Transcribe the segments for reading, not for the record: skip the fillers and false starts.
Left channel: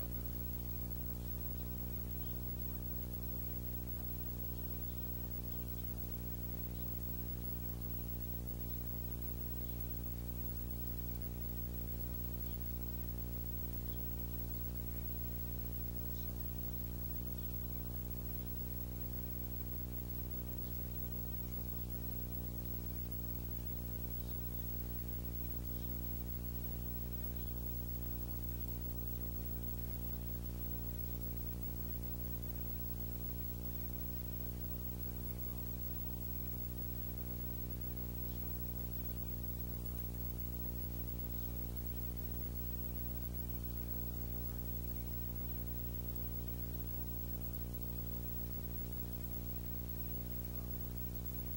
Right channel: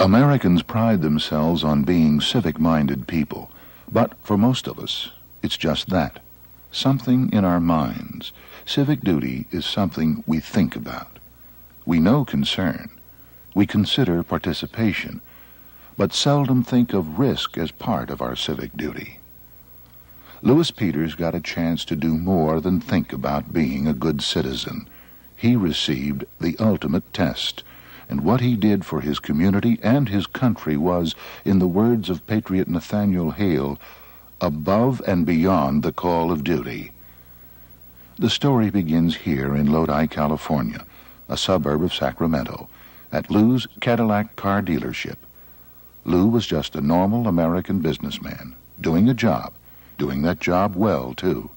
Americans pride themselves on being civic-minded people, but for most of us, it's just that. Something in our minds. Civic duty is something we think about. We know concern. We consider participation, but seldom think of risk as part of our civic duty. Lewis Peters got a chance to do more than think about being a good citizen. He received the ultimate test, and what he did for his community and his country was, in the words of Patriot Nathaniel Hale, above and beyond the call of duty. The story begins here in Lodi, California, a suburb of Sacramento, at Lou's Cadillac car dealership. Lou was just a normal American businessman, doing a job, doing that job well, too.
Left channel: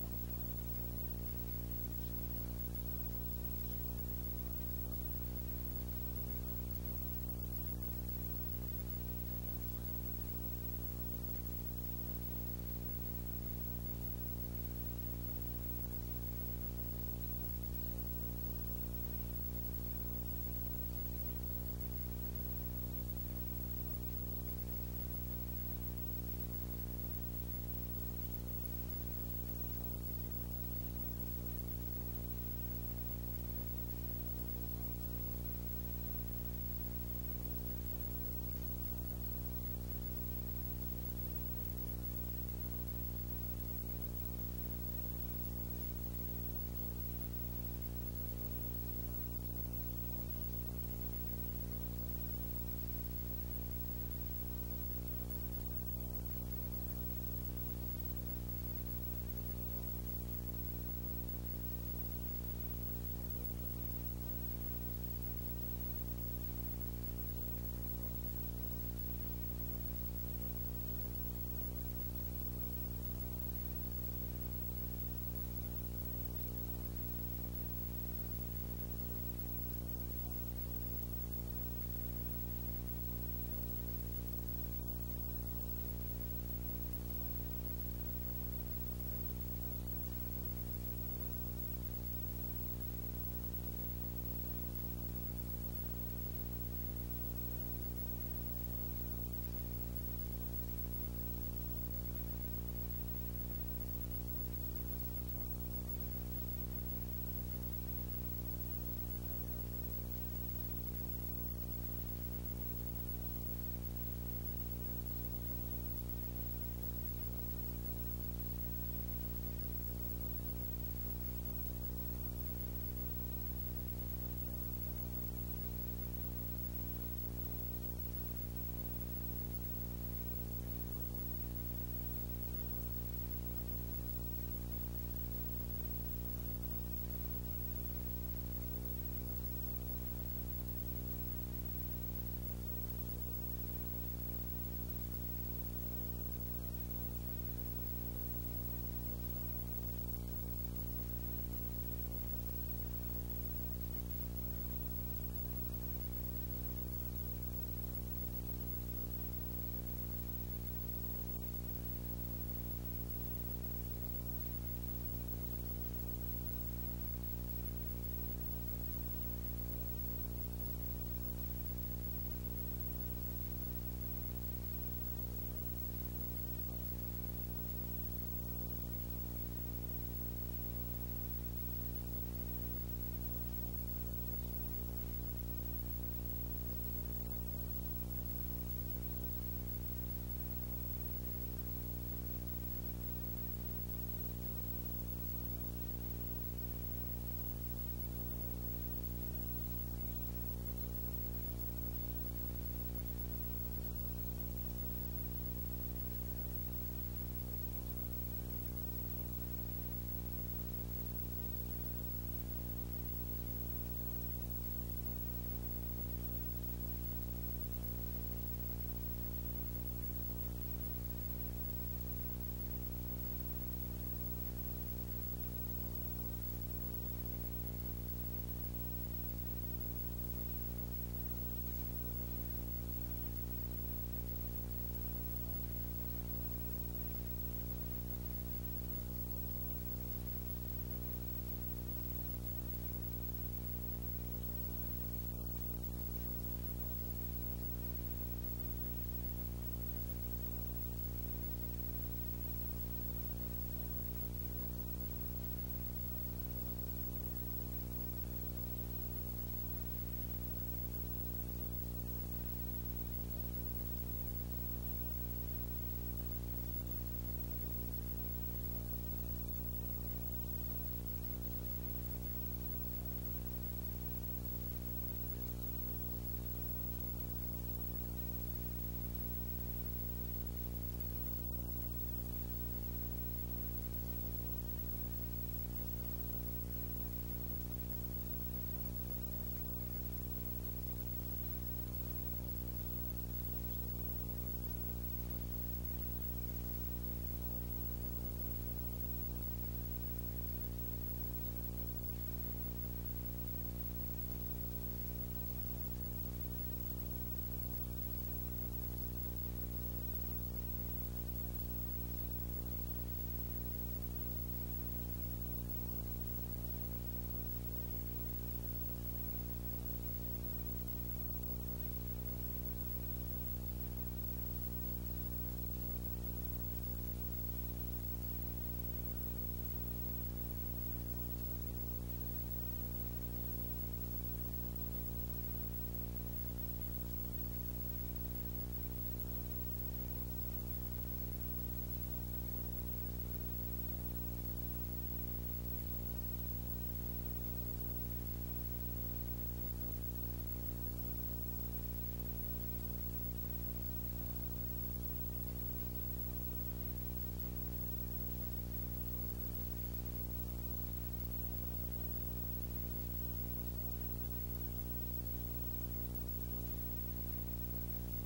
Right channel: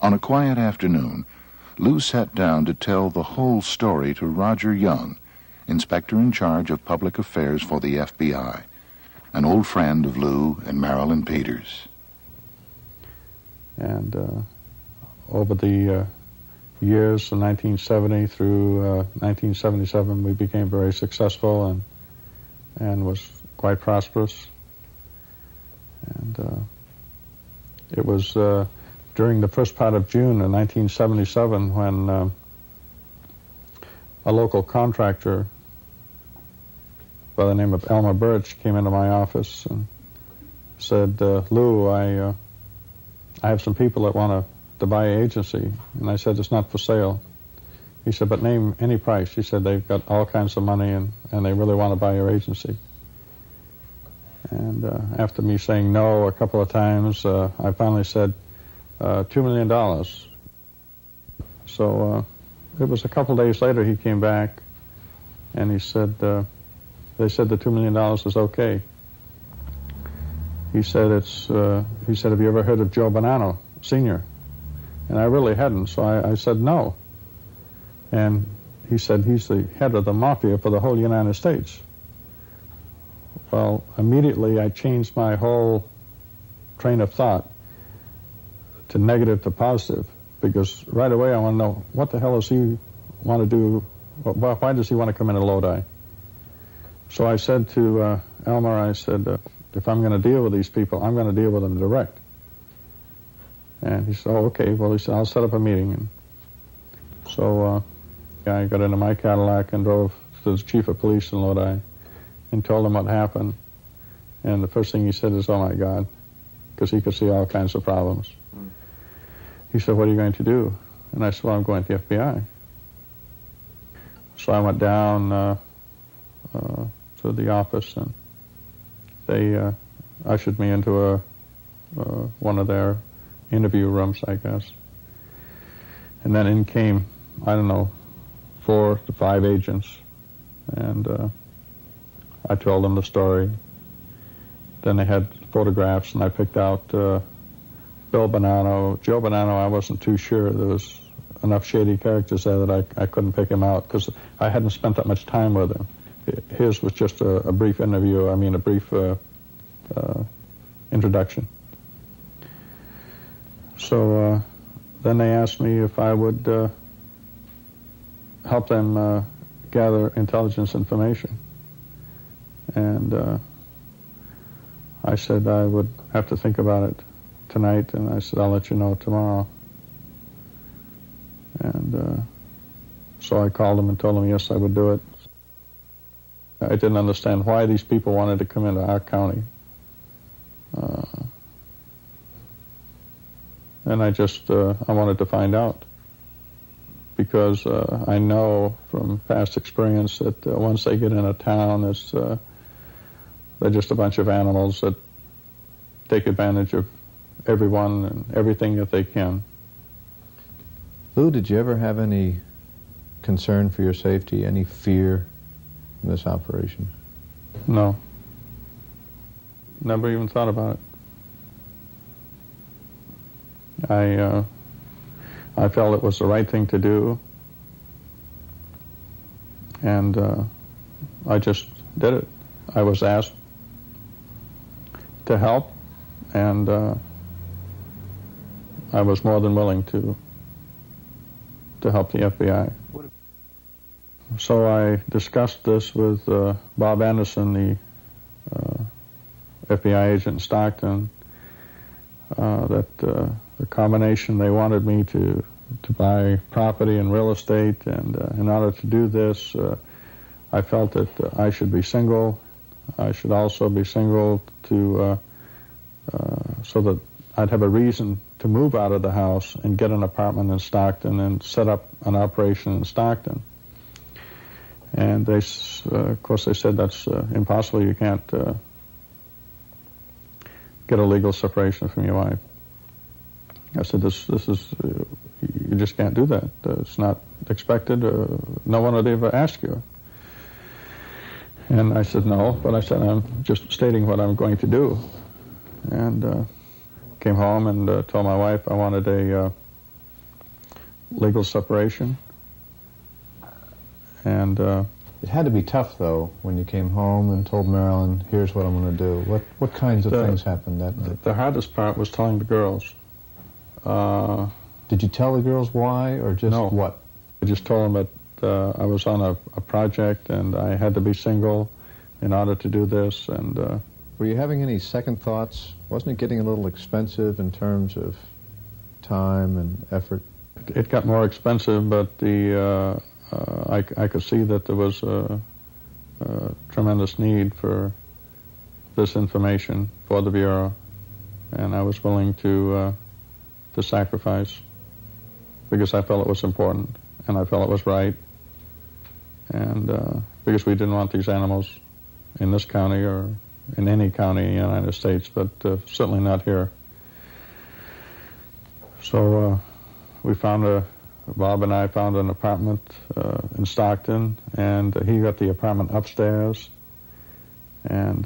On a quiet afternoon, Lou sat down to tell the whole story to Roger Young, inspector in charge of public affairs for the FBI, an old friend of Lou and Marilyn Peters. And over the years from 1970 through 1977, we became very successful and was quite prosperous. And it was during the first part of June of 1977 when a local contractor by the name of Elmer Birch came into my office and said, Lou, I have some people that want to buy an agency. And I said, it's not for sale. He said, but name any price. He said, they've got all kinds of money and they really want to buy your agency. And after me saying no a couple of times, I finally said, $2 million. So it was a couple of days later he came back and he said, they said the $2 million is okay. He said, have you ever heard of Joe Bannano, Sr.? And I really hadn't, so I said no. And he said, he's the head of the mafia for the whole United States. Well, immediately I changed my whole train of thought to negative to positive, because right away I want to know, what the hell does he want to do? Why does he want to come into Lodi? So I said to Elmer, I said, if I'm going to deal with these people, I'm going to deal with them direct. And he said, oh, okay. Well, he said, I'll set up a meeting. And so I got into my Cadillac and drove to the chief of police in Lodi and told him what happened. And the first thing he said is, oh, my God, because he could see all kinds of problems. He said, what are you going to do? And I said, well, I'm going to the FBI. So I went down to the office, and they ushered me into one of their interview rooms, I guess. And then in came, I don't know, 4 to 5 agents, and I told them the story. Then they had photographs, and I picked out Bill Bannano. Joe Bannano, I wasn't too sure. There was enough shady characters there that I couldn't pick him out because I hadn't spent that much time with him. His was just a brief interview, a brief introduction. So then they asked me if I would help them gather intelligence information. And I said I would have to think about it tonight, and I said, I'll let you know tomorrow. And so I called them and told them, yes, I would do it. I didn't understand why these people wanted to come into our county. And I wanted to find out, because I know from past experience that once they get in a town, they're just a bunch of animals that take advantage of everyone and everything that they can. Lou, did you ever have any concern for your safety, any fear in this operation? No. Never even thought about it. I felt it was the right thing to do, and I just did it. I was asked to help, and I was more than willing to help the FBI. So I discussed this with Bob Anderson, the FBI agent in Stockton, that the combination, they wanted me to buy property and real estate, and in order to do this, I felt that I should be single. I should also be single to so that I'd have a reason to move out of the house and get an apartment in Stockton and set up an operation in Stockton. And they, of course, they said that's impossible. You can't get a legal separation from your wife. I said, this is, you just can't do that. It's not expected. No one would ever ask you. And I said, no, but I said, I'm just stating what I'm going to do. And came home and told my wife I wanted a legal separation. And it had to be tough, though, when you came home and told Marilyn, here's what I'm going to do. What kinds of things happened that night? The hardest part was telling the girls. Did you tell the girls why, or just no. What? I just told them that I was on a project and I had to be single in order to do this. And were you having any second thoughts? Wasn't it getting a little expensive in terms of time and effort? It got more expensive, but I could see that there was a tremendous need for this information for the Bureau, and I was willing to sacrifice because I felt it was important and I felt it was right, and because we didn't want these animals in this county or in any county in the United States, but certainly not here. So Bob and I found an apartment in Stockton, and he got the apartment upstairs, and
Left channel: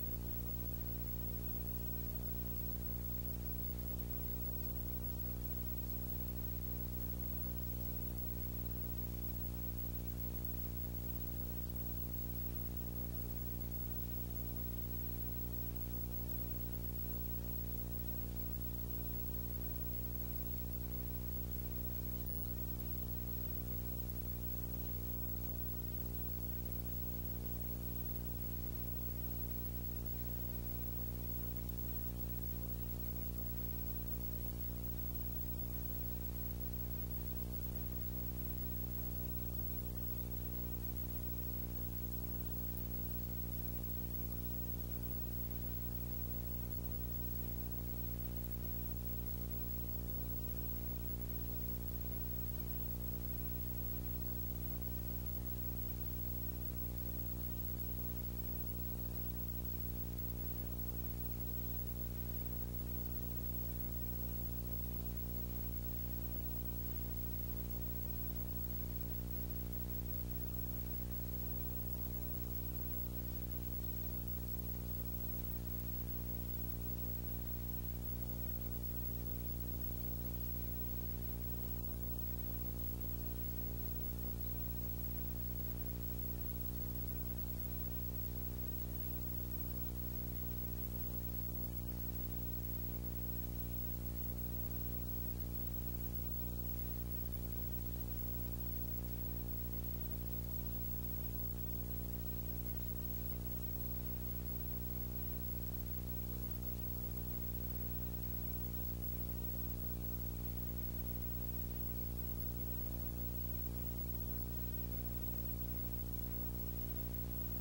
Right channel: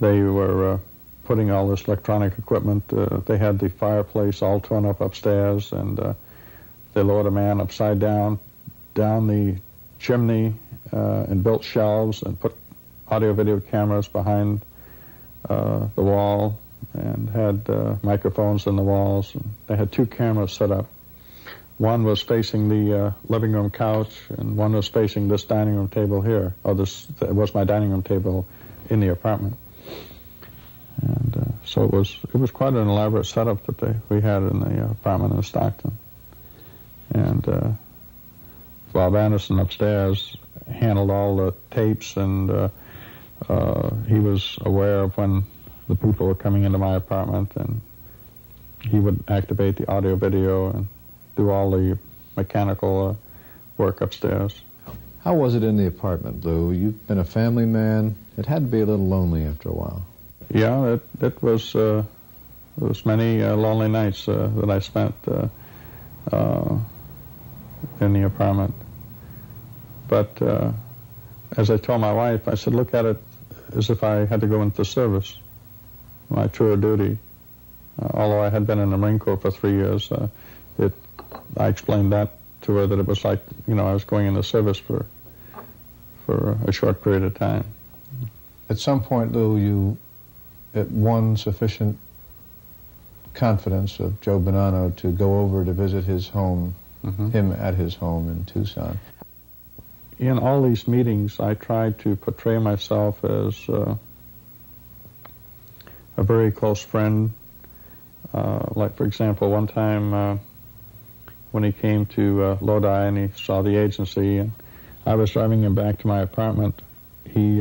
they were putting all this electronic equipment. They had the fireplace all torn up upstairs, and they lowered a man upside down the chimney and built shelves and put audio-video cameras behind the wall and had microphones in the walls. And they had 2 cameras set up. One was facing the living room couch, and one was facing this dining room table here. It was my dining room table in the apartment. And so it was quite an elaborate setup that we had in the apartment in Stockton. And Bob Anderson upstairs handled all the tapes, and he was aware of when the people were coming into my apartment, and he would activate the audio video and do all the mechanical work upstairs. How was it in the apartment, Lou? You've been a family man. It had to be a little lonely after a while. Yeah, it was many lonely nights that I spent in the apartment. But as I told my wife, I said, look at it as if I had to go into the service, my tour of duty. Although I had been in the Marine Corps for 3 years, I explained that to her, that it was like, I was going into service for a short period of time. At some point, Lou, you won sufficient confidence of Joe Bannano to go over to visit his home, him at his home in Tucson. In all these meetings, I tried to portray myself as a very close friend. Like, for example, one time when he came to Lodi and he saw the agency, and I was driving him back to my apartment, he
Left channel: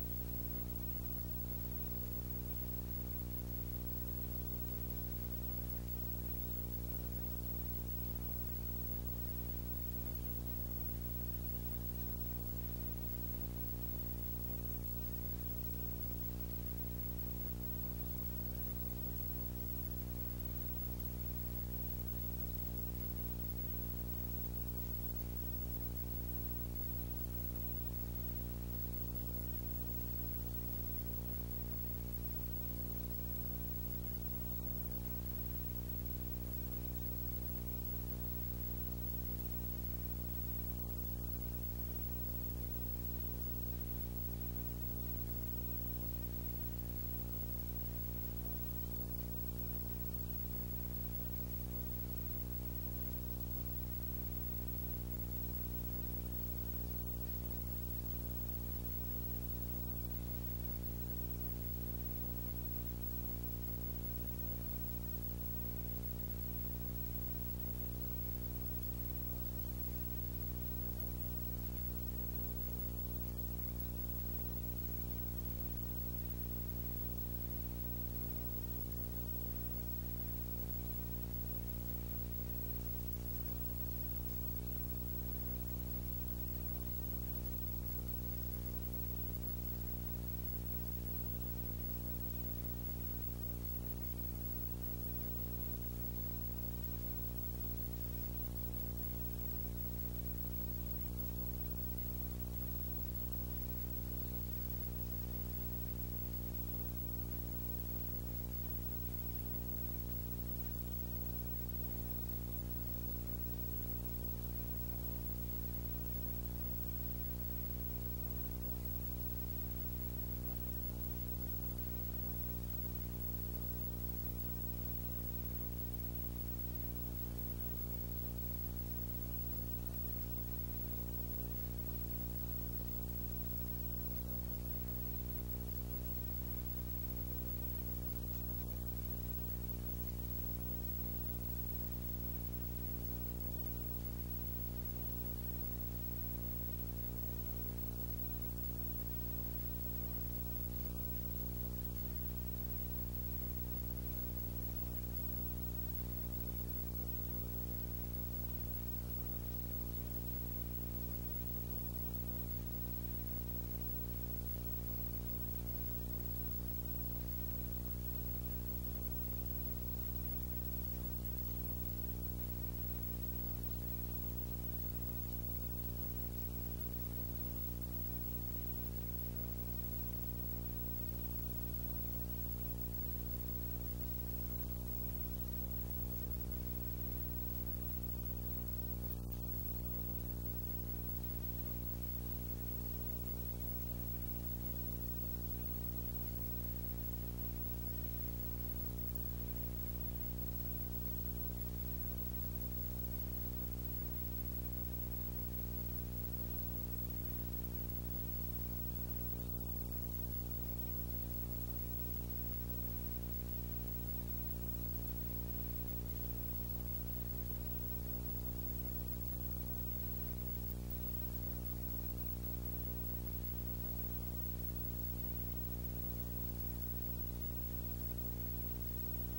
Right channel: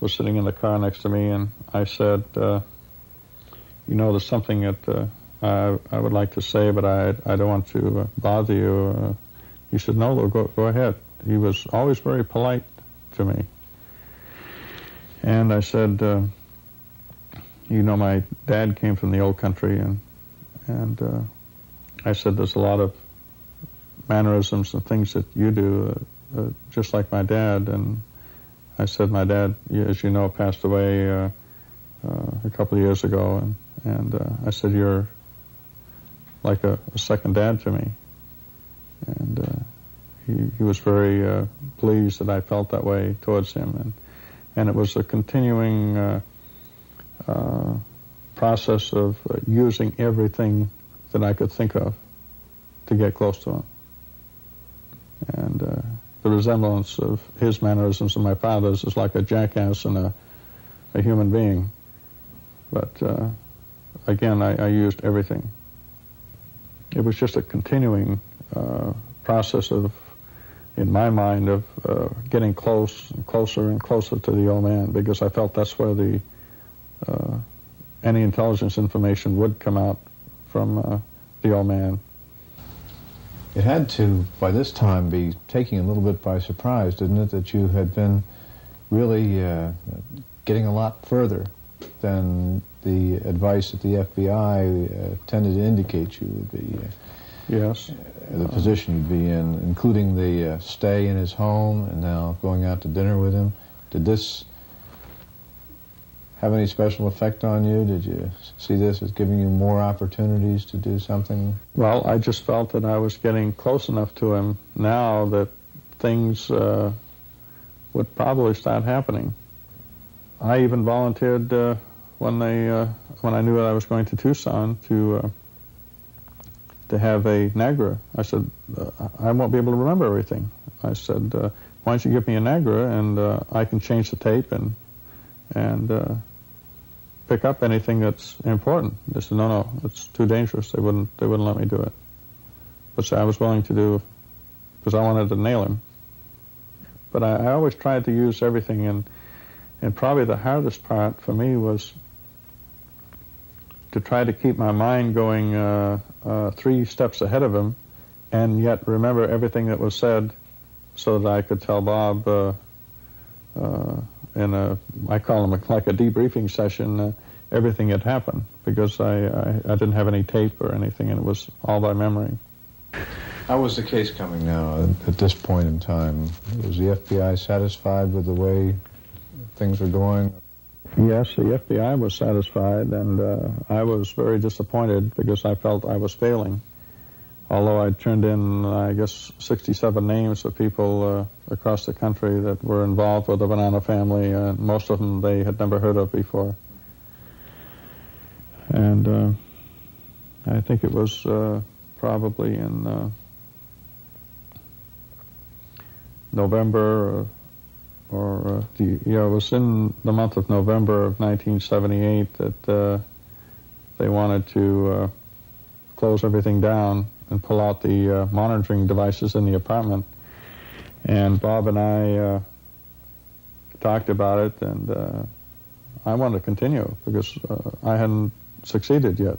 was sitting in the car next to me, and I said, there's something that I would like to say, but I don't want to bother you. He said, no, Lou, go ahead. He was always very polite to me. And I said, my dad came from the old country, and I said, there's a lot of mannerisms and things that you do just like my dad. And I said, my dad, as you know, passed away a couple of years ago, and I said, you're like a second dad to me. And he was very pleased that I felt that way towards him, and it was a continuing process of using everything that I could think of to get close to him. And the resemblance of his mannerisms and my father's is like a jackass and a human being. But again, I used everything. It was just a continuing process of, in my mind, of getting closer and closer to the old man, because I felt that's where the any intelligence information would come out from the old man. It had to, by this time, be taking a little bit by surprise, didn't it, that you had been really getting a lot further than the advice that the FBI tended to indicate you would be. Yes. The position you'd be in, including the stay in his home and now going out to dinner with him. Did this have any special effect on you? Did you see this as giving you more opportunities to do something? Well, I just felt that I was getting close enough to him now that things would probably start happening. I even volunteered when I knew that I was going to Tucson to have a NAGRA. I said, I won't be able to remember everything. I said, why don't you give me a NAGRA and I can change the tape and pick up anything that's important. They said, no, it's too dangerous. They wouldn't let me do it. Which I was willing to do because I wanted to nail him. But I always tried to use everything, and probably the hardest part for me was to try to keep my mind going 3 steps ahead of him, and yet remember everything that was said, so that I could tell Bob I call them like a debriefing session, everything had happened, because I didn't have any tape or anything, and it was all by memory. How was the case coming now at this point in time? Was the FBI satisfied with the way things were going? Yes, the FBI was satisfied, and I was very disappointed because I felt I was failing. Although I turned in, I guess, 67 names of people across the country that were involved with the Bannano family, most of them they had never heard of before. And I think it was probably in November it was in the month of November of 1978 that they wanted to close everything down and pull out the monitoring devices in the apartment. And Bob and I talked about it, and I wanted to continue because I hadn't succeeded yet.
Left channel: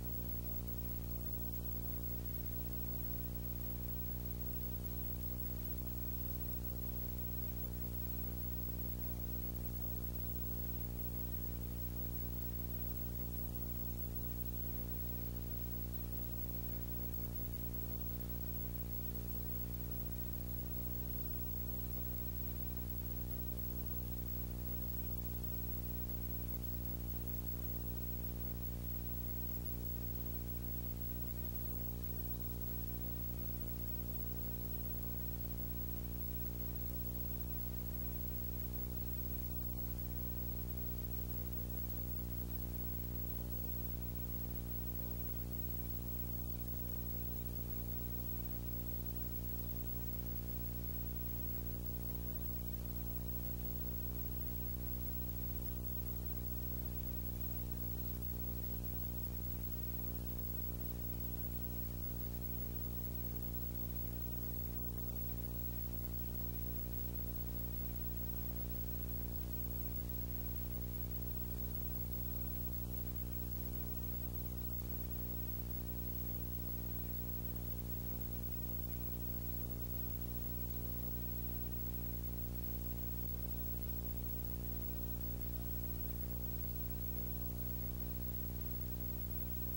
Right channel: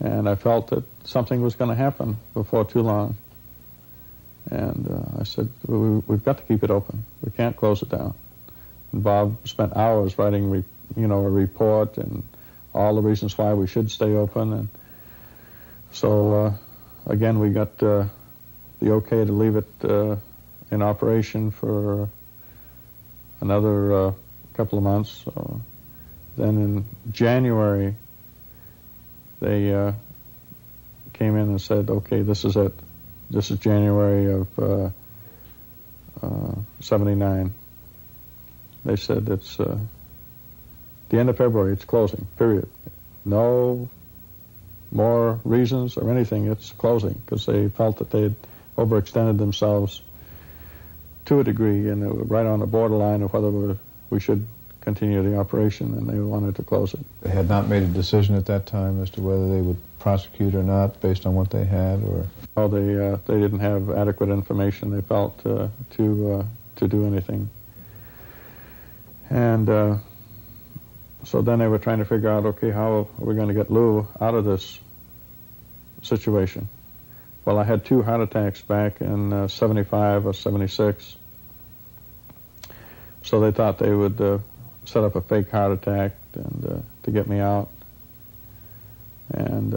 And I felt that something was going to happen before too long. And I said, we've got to keep it open. We can't close it down. And Bob spent hours writing, a report and all the reasons why we should stay open. And so, again, we got the okay to leave it in operation for another couple of months. So then in January, they came in and said, okay, this is it. This is January of 79. They said it's the end of February, it's closing, period. No more reasons or anything, it's closing, because they felt that they had overextended themselves to a degree, and it was right on the borderline of whether we should continue the operation, and they wanted to close it. They had not made a decision at that time as to whether they would prosecute or not based on what they had, or? Oh, they didn't have adequate information, they felt, to do anything. And so then they were trying to figure out, okay, how are we going to get Lou out of this situation? Well, I had 2 heart attacks back in 75 or 76. So they thought they would set up a fake heart attack and to get me out. And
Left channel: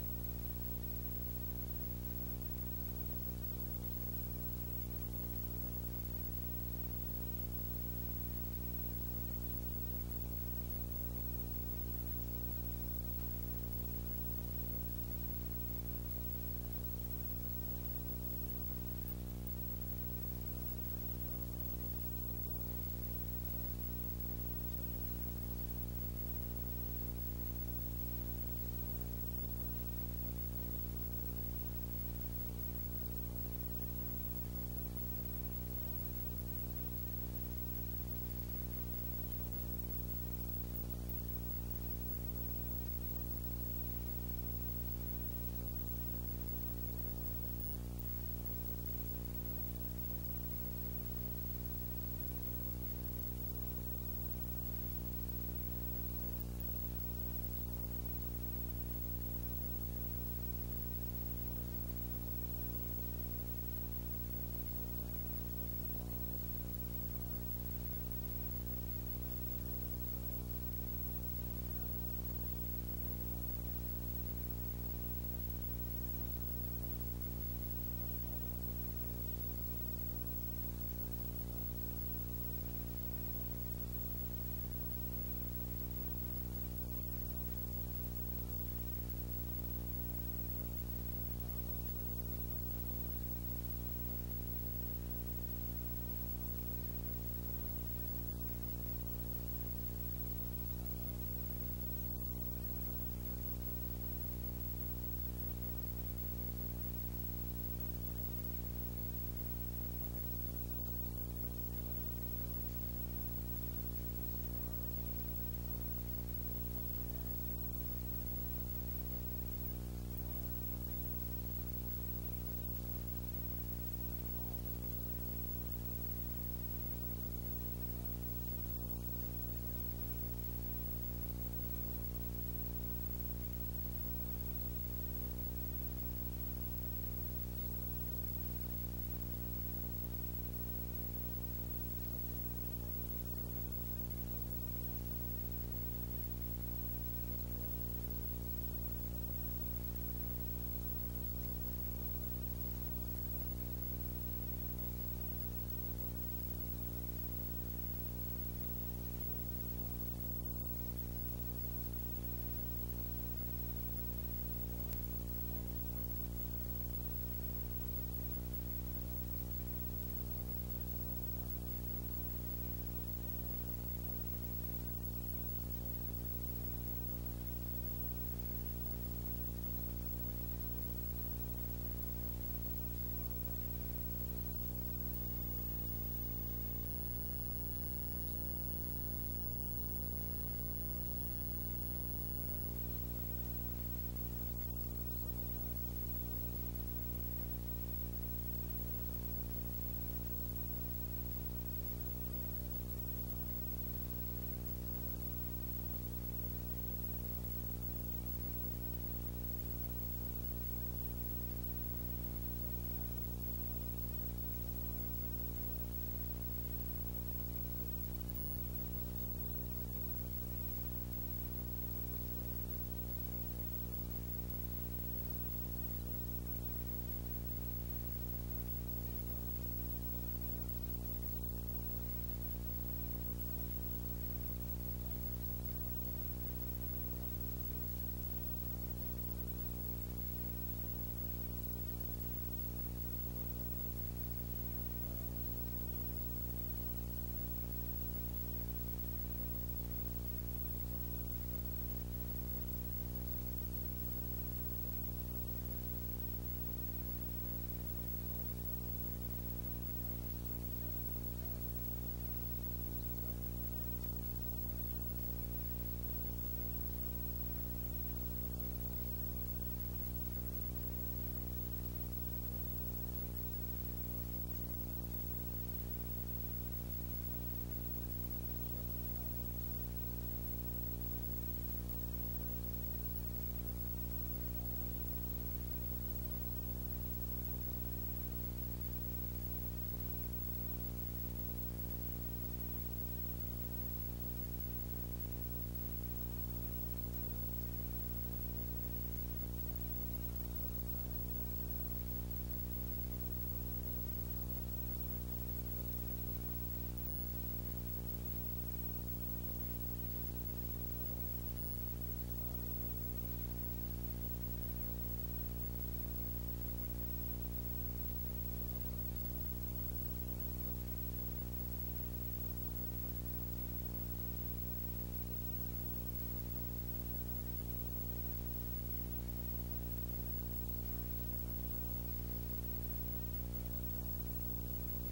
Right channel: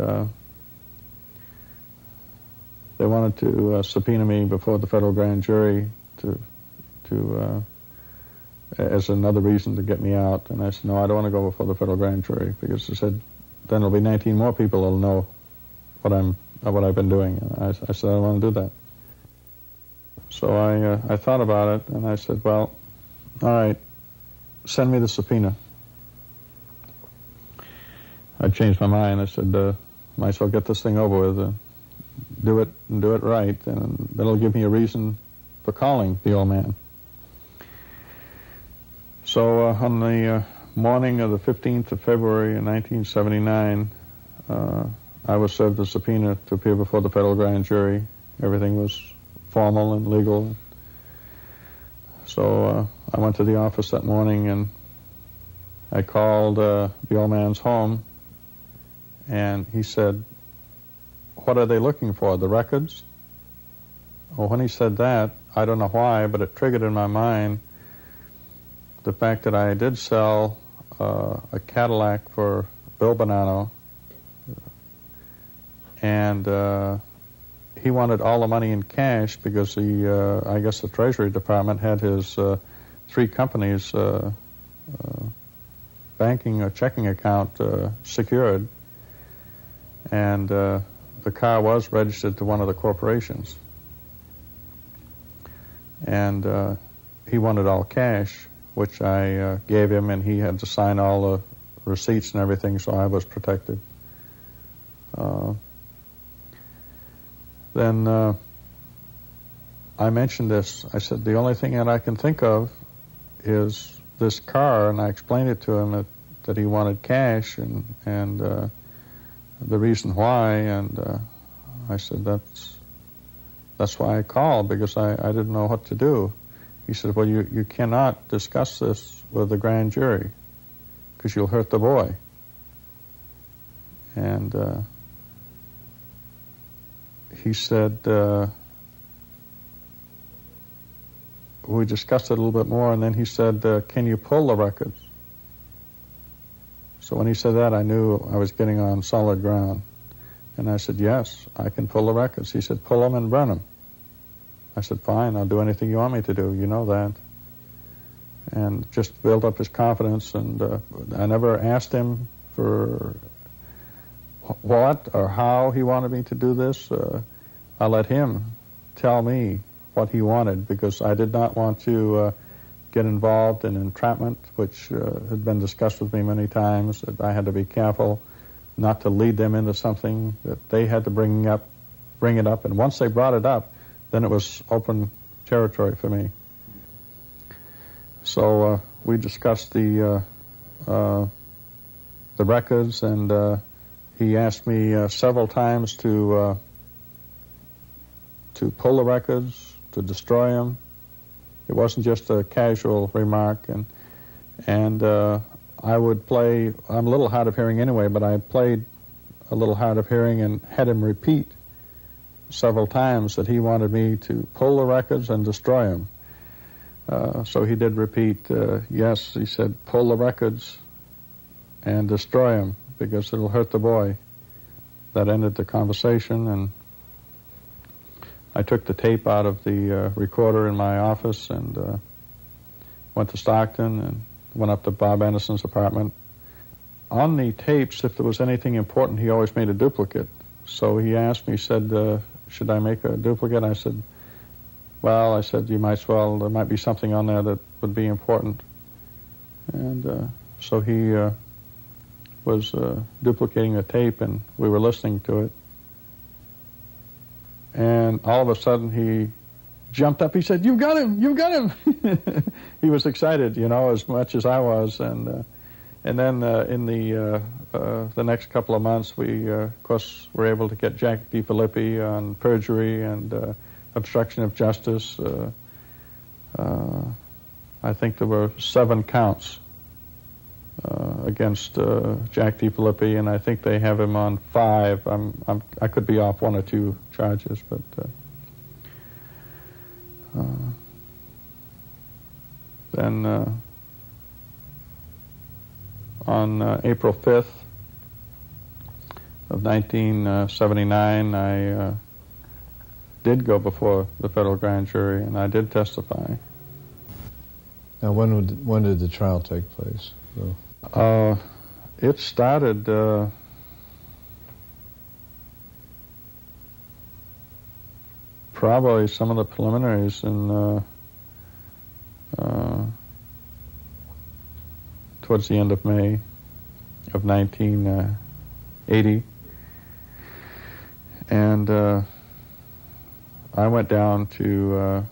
they wanted to subpoena me before the federal grand jury as another reason to get me out. And I said, no, I don't want to go before the federal grand jury, because they said, then there'll be 19 more people that'll know what I've been doing. And I said, I don't want to do that. So I thought about it, and I said, well, all right, send me the subpoena. I changed my mind. I said, might as well get this thing over with. do it and do it right, and that'll give me a reason for calling the old man. So on the morning of the 15th of February in 1979, I was served a subpoena to appear before the federal grand jury. Everything was formal and legal. So I went to the office that morning and I called the old man's home, and he said, "What are they looking for, the records?" Well, when he said that, I don't know why, but it triggered in my mind the fact that I did sell a Cadillac for Bill Bannano, and he wanted all the money in cash because I guess the Treasury Department had his 3 companies' banking or checking account secured, and the car was registered to one of the corporations. And he wanted all cash, which I gave him, and he had to sign all the receipts and everything, so I was protected. Then I mentioned this. I said, the only thing that I can think of is this car, and I explained it to him that he wanted cash and the reason why, and I said, that's why I called, because I didn't know what to do. He said, well, you cannot discuss this with the grand jury because you'll hurt the boy. And he said, we discussed it a little bit more, and then he said, can you pull the records? So when he said that, I knew I was getting on solid ground. And I said, yes, I can pull the records. He said, pull them and burn them. I said, fine, I'll do anything you want me to do, you know that. And just build up his confidence, and I never asked him for what or how he wanted me to do this. I let him tell me what he wanted, because I did not want to get involved in entrapment, which had been discussed with me many times, that I had to be careful not to lead them into something, that they had to bring it up, and once they brought it up, then it was open territory for me. So we discussed the records, and he asked me several times to pull the records, to destroy them. It wasn't just a casual remark, and I would play. I'm a little hard of hearing anyway, but I played a little hard of hearing and had him repeat several times that he wanted me to pull the records and destroy them. So he did repeat, yes, he said, pull the records and destroy them because it'll hurt the boy. That ended the conversation, and I took the tape out of the recorder in my office and went to Stockton and went up to Bob Anderson's apartment. On the tapes, if there was anything important, he always made a duplicate. So he asked me, he said, should I make a duplicate? I said, well, I said, you might as well, there might be something on there that would be important. And so he was duplicating the tape, and we were listening to it. And all of a sudden he jumped up. He said, "You've got him! You've got him!" He was excited, you know, as much as I was. And then in the next couple of months, we, of course, were able to get Jack DiFilippi on perjury and obstruction of justice. I think there were 7 counts against Jack DiFilippi, and I think they have him on 5. I could be off 1 or 2 charges, but then on April 5th of 1979, I did go before the federal grand jury, and I did testify. Now, when did the trial take place? So. It started probably some of the preliminaries in towards the end of May of 1980, and I went down to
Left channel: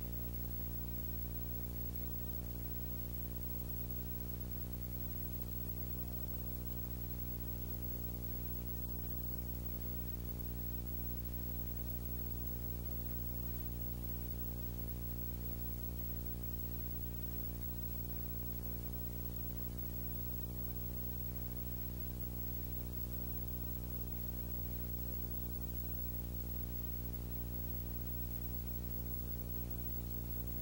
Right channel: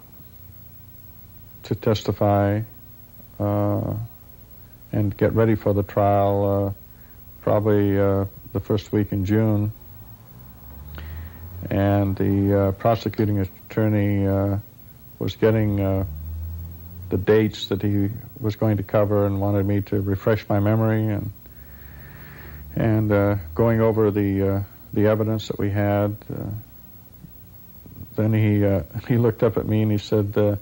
testify and get ready for the trial, probably the first week in June. And the prosecuting attorney was getting the dates that he was going to cover and wanted me to refresh my memory and going over the evidence that we had. Then he looked up at me and he said,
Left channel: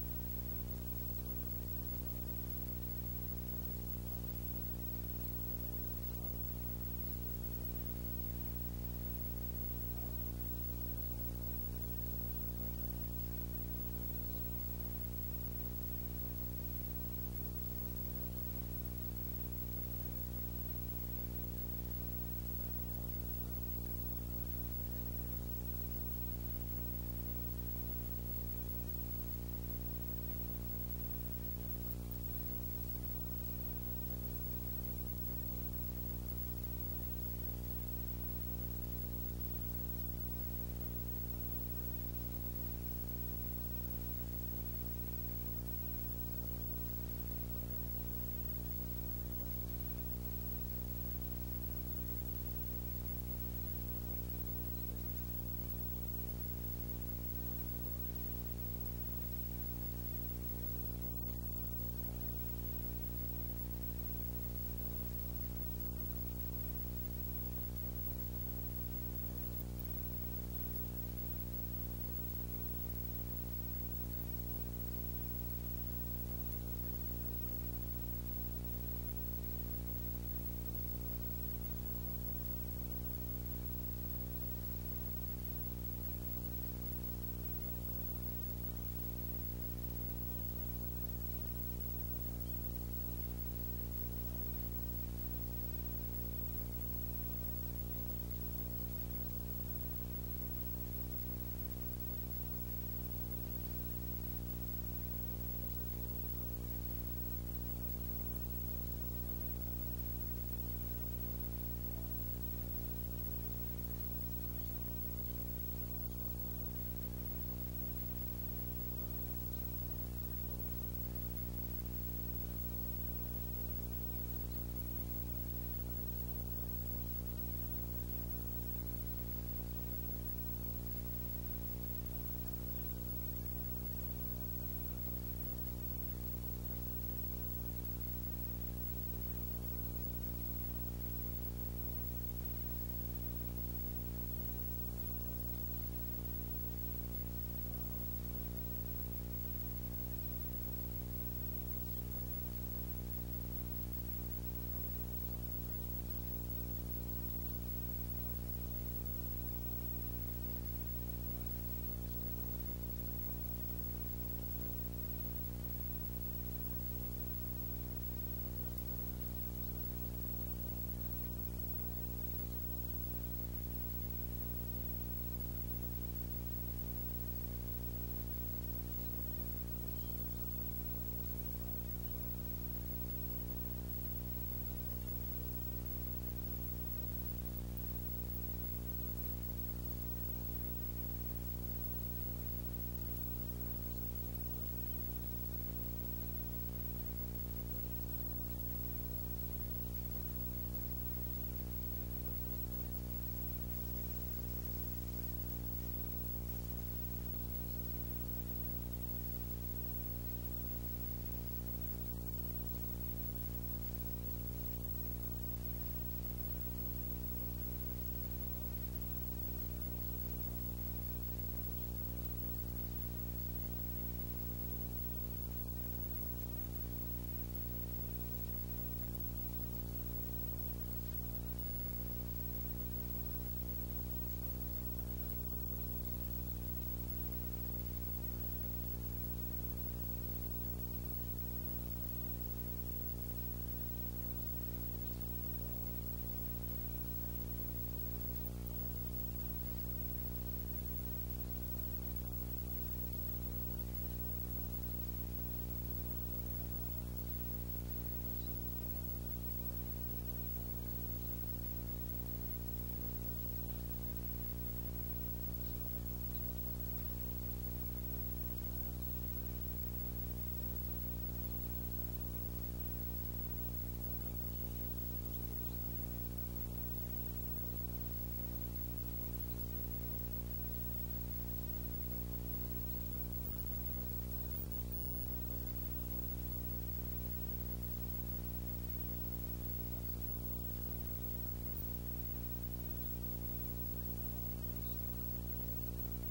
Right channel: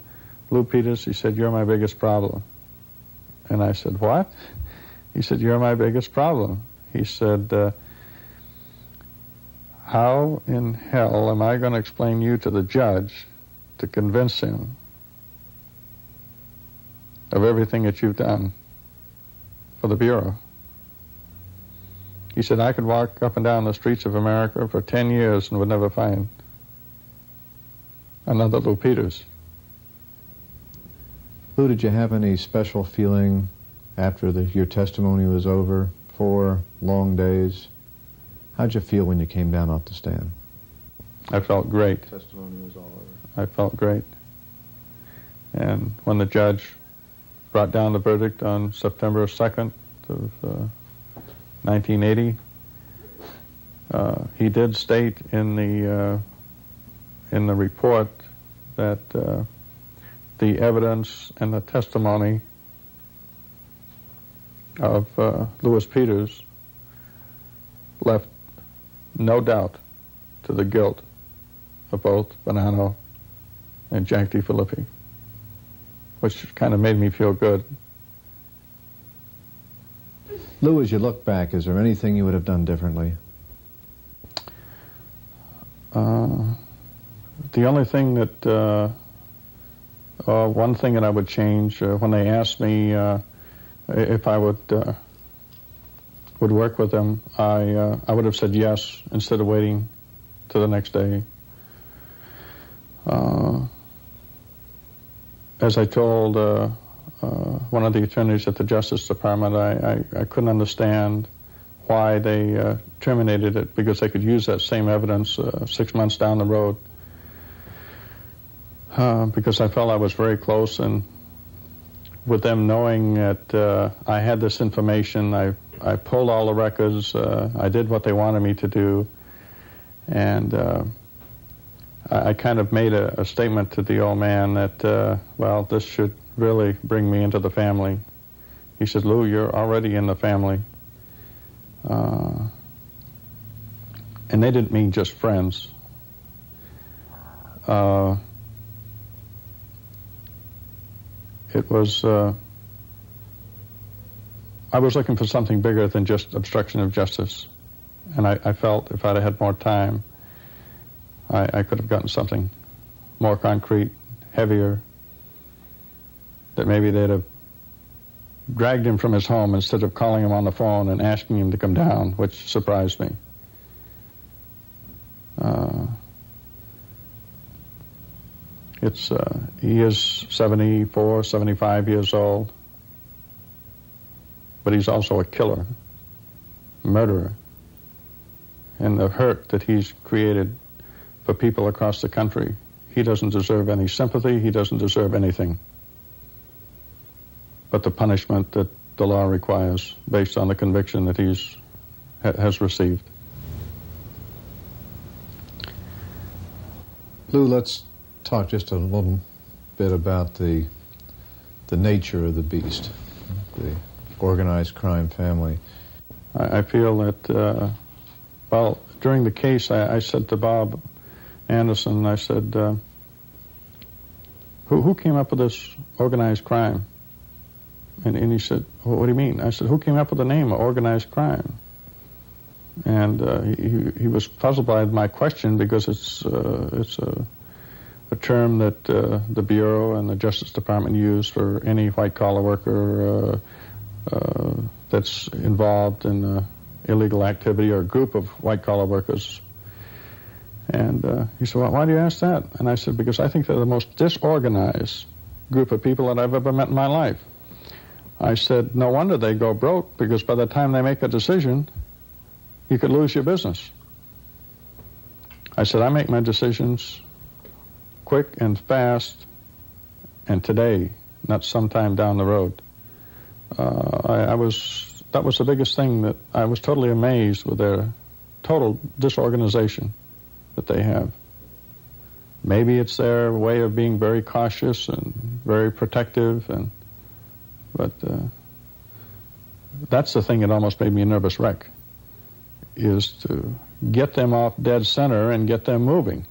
Lou Peters, he said, "You're my biggest problem." And I said, "What?" He said, "You're my biggest problem." He said, "How in hell am I going to explain you to the judge to convince him of everything that you've done for the Bureau?" He said, "I could walk up and down the streets of America for 10 years and would never find another Lou Peters." Lou, did you have any special feeling after your testimony was over? 4 long days. How'd you feel when you came down off the stand? I felt great. The testimony was all over. I felt great. And when the judge brought down the verdict on September 2nd of 1980, he did state in the report that the evidence and the testimony of Louis Peters left no doubt to the guilt of both Bannano and Jack DeFilippi, which kind of made me feel good. Lou, as you look back, is there anything you would have done differently? The only thing that, one thing that I would change, when they asked me if I would work with them, I would have said yes instead of waiting to the next day. As I told one of the attorneys at the Justice Department, I couldn't understand why they terminated it, because they could use that same evidence 6 months down the road. Because I felt I was very close, and with them knowing that I had this information, I pulled all the records, I did what they wanted me to do, and I kind of made a statement to the old man that, well, this should really bring me into the family. He said, "Lou, you're already in the family." And they didn't mean just friends. It was, I was looking for something bigger than just obstruction of justice. And I felt if I'd had more time, I could have gotten something more concrete, heavier, that maybe they'd have dragged him from his home instead of calling him on the phone and asking him to come down, which surprised me. He is 74, 75 years old, but he's also a killer, a murderer. And the hurt that he's created for people across the country, he doesn't deserve any sympathy, he doesn't deserve anything but the punishment that the law requires based on the conviction that has received. Lou, let's talk just a little bit about the nature of the beast, the organized crime family. I feel that, well, during the case, I said to Bob Anderson, I said, who came up with this organized crime? And he said, well, what do you mean? I said, who came up with the name of organized crime? And he was puzzled by my question, because it's a term that the Bureau and the Justice Department use for any white-collar worker that's involved in illegal activity, or a group of white-collar workers. And he said, well, why do you ask that? And I said, because I think they're the most disorganized group of people that I've ever met in my life. I said, no wonder they go broke, because by the time they make a decision, you could lose your business. I said, I make my decisions quick and fast, and today, not sometime down the road. That was the biggest thing, that I was totally amazed with their total disorganization that they have. Maybe it's their way of being very cautious and very protective, but that's the thing that almost made me a nervous wreck, is to get them off dead center and get them moving.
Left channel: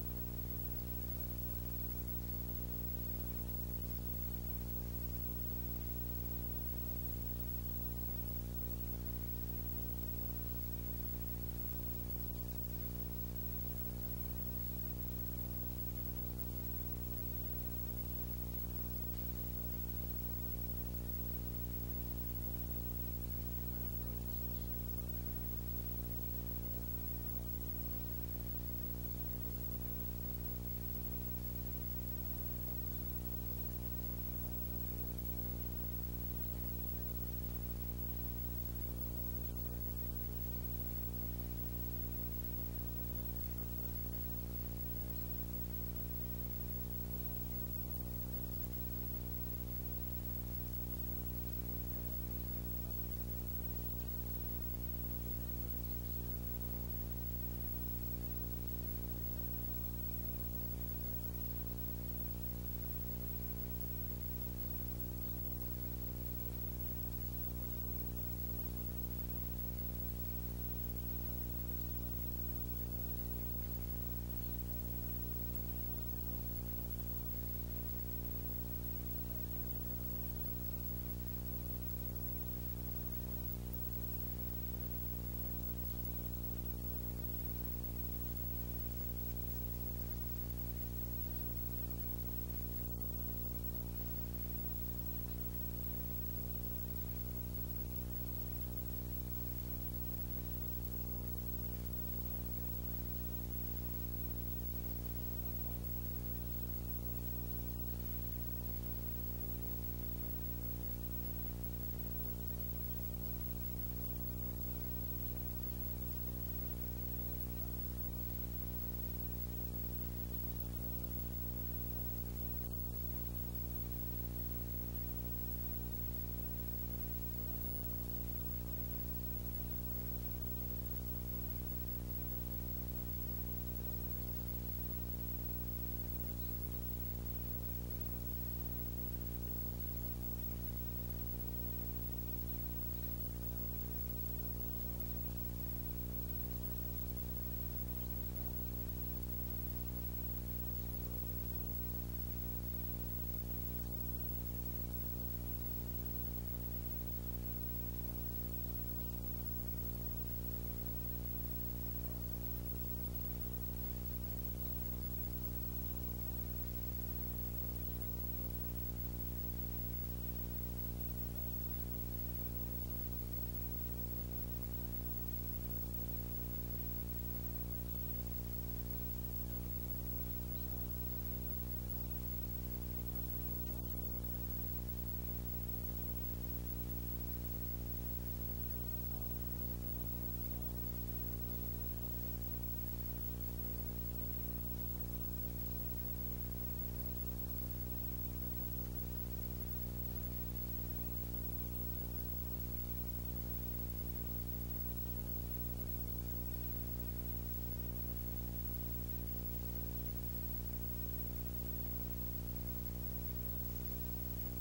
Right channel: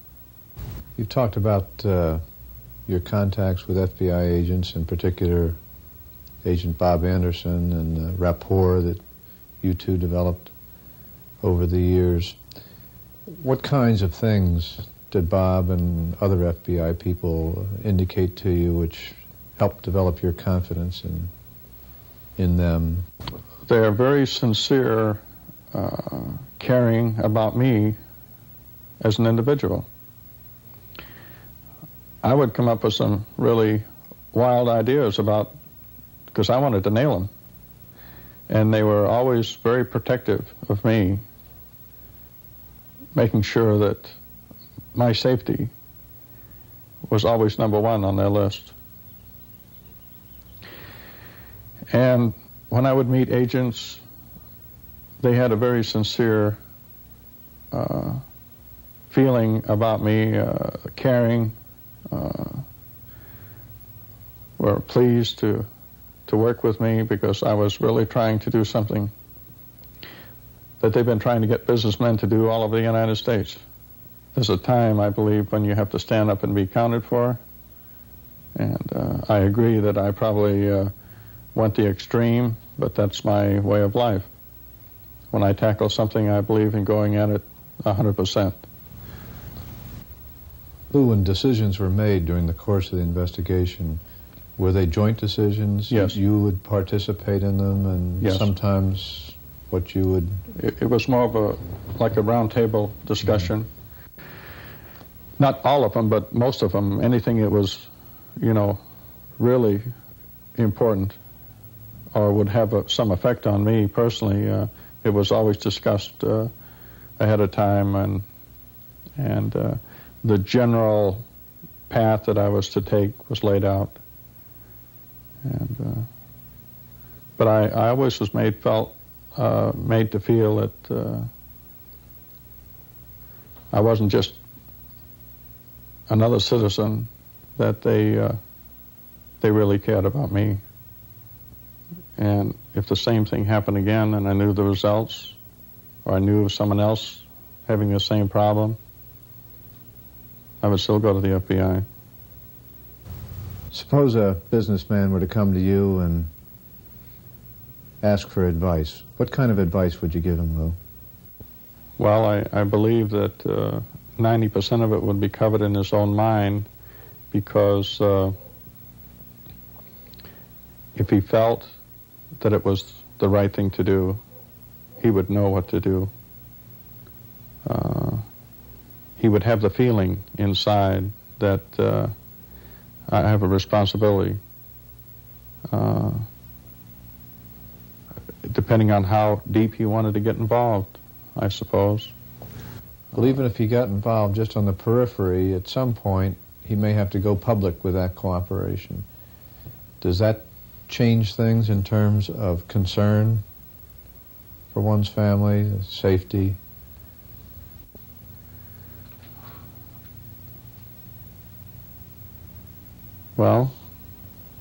You talked about your contacts with FBI agents, in particular Agent Bob Anderson, and the rapport that you two developed over the years. What kinds of things did Bob and other FBI people indicate to you which helped develop your confidence in them? They're very sincere, caring about me as an individual. I would come up with some really wild ideas because I wanted to nail them. And they were always very protective of me, making sure that my safety was always number one on their list. And when I would meet agents, they had a very sincere feeling about me, caring, were pleased to work with me because I was really trying to do something that they've been trying to get businessmen to do all over the United States. There's a time, I believe, when you have to stand up and be counted for, and I agree that I probably went the extreme, but that's my way of life. When I tackle something, I believe in going at it 100%. Lou, when decisions were made during the course of the investigation, were they joint decisions? Yes. You would participate in them, and yes. Sometimes what you would... It was more of like a round table discussion. Mm-hmm. Not all of them, but most of them. Anything that was, really important or would have some effect on me personally, it was always discussed ahead of time, and the general path that I was to take was laid out. And but I always was made to feel that I wasn't just another citizen, that they really cared about me. And if the same thing happened again and I knew the results, or I knew of someone else having the same problem, I would still go to the FBI. Suppose a businessman were to come to you and ask for advice. What kind of advice would you give him, Lou? Well, I believe that 90% of it would be covered in his own mind, because if he felt that it was the right thing to do, he would know what to do. He would have the feeling inside that I have a responsibility, depending on how deep he wanted to get involved, I suppose. Well, even if he got involved just on the periphery, at some point he may have to go public with that cooperation. Does that change things in terms of concern for one's family, safety? Well,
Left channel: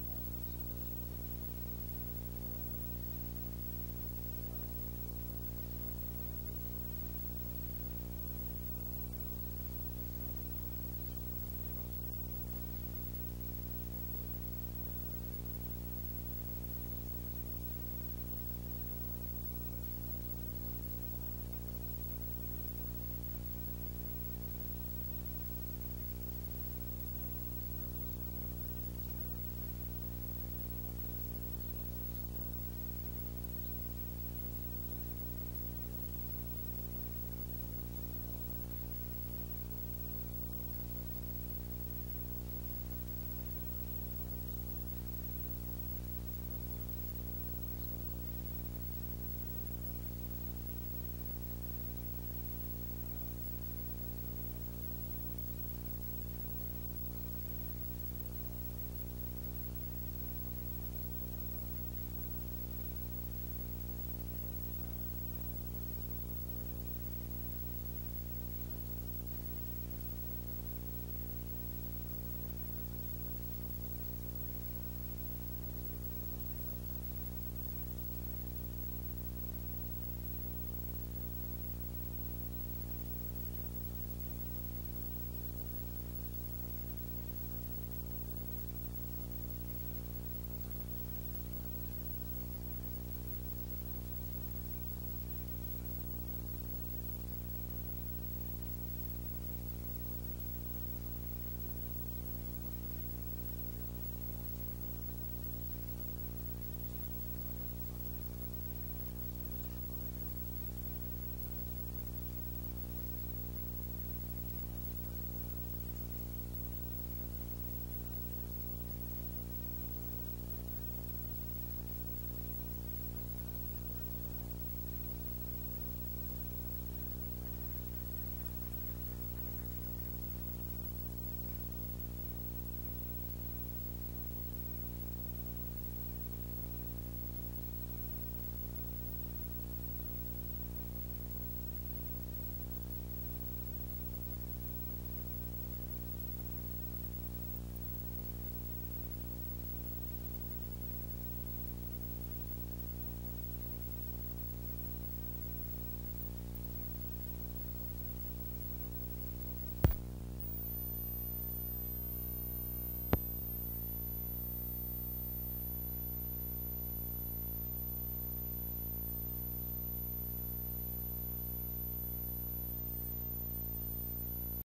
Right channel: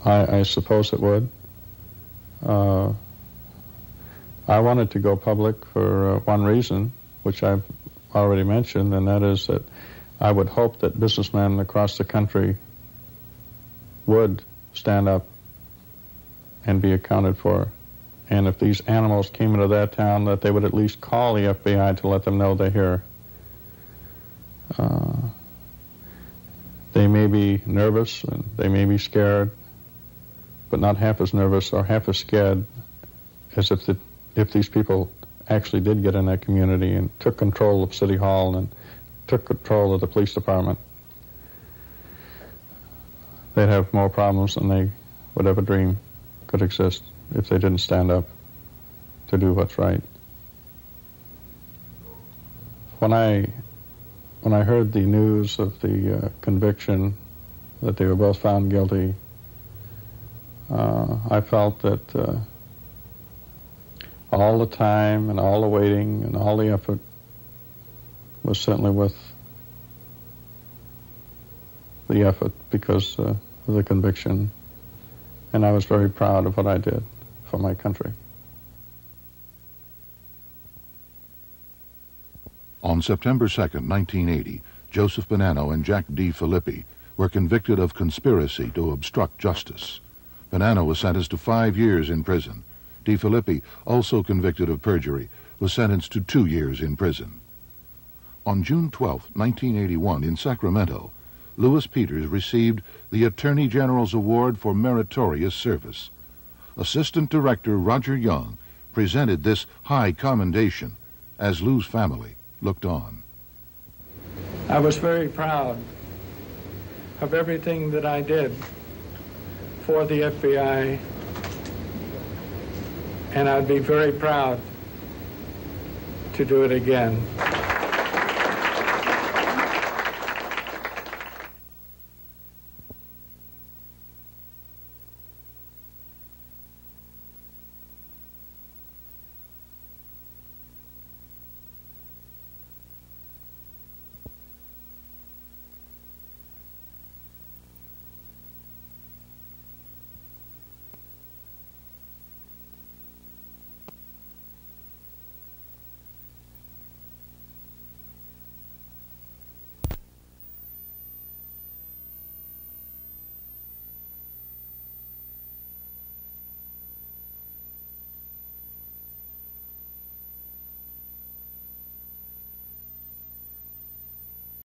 I suppose it would. I wanted to go public for one reason, which I've already mentioned, and that is that I would hope that businessmen across the country would stand up and be accounted for. And if these animals came into that town, that they would at least call the FBI to let them know they're here. They may be nervous and they may be scared, but not half as nervous or half as scared as if these people actually did get in that community and took control of City Hall and took control of the police department. They'd have more problems than they would ever dream could exist if they didn't stand up to do what's right. When I when I heard the news of the conviction, that they were both found guilty, I felt that all the time and all the waiting and all the effort was certainly worth the effort because of the conviction, and I was very proud of what I did for my country. On September 2nd, 1980, Joseph Bannano and Jack D. Filippi were convicted of conspiracy to obstruct justice. Bannano was sentenced to 5 years in prison. D. Filippi, also convicted of perjury, was sentenced to 2 years in prison. On June 12, 1981, in Sacramento, Louis Peters received the Attorney General's Award for Meritorious Service. Assistant Director Roger Young presented this high commendation as Lou's family looked on. I was very proud of everything that I did for the FBI, and I'd be very proud to do it again.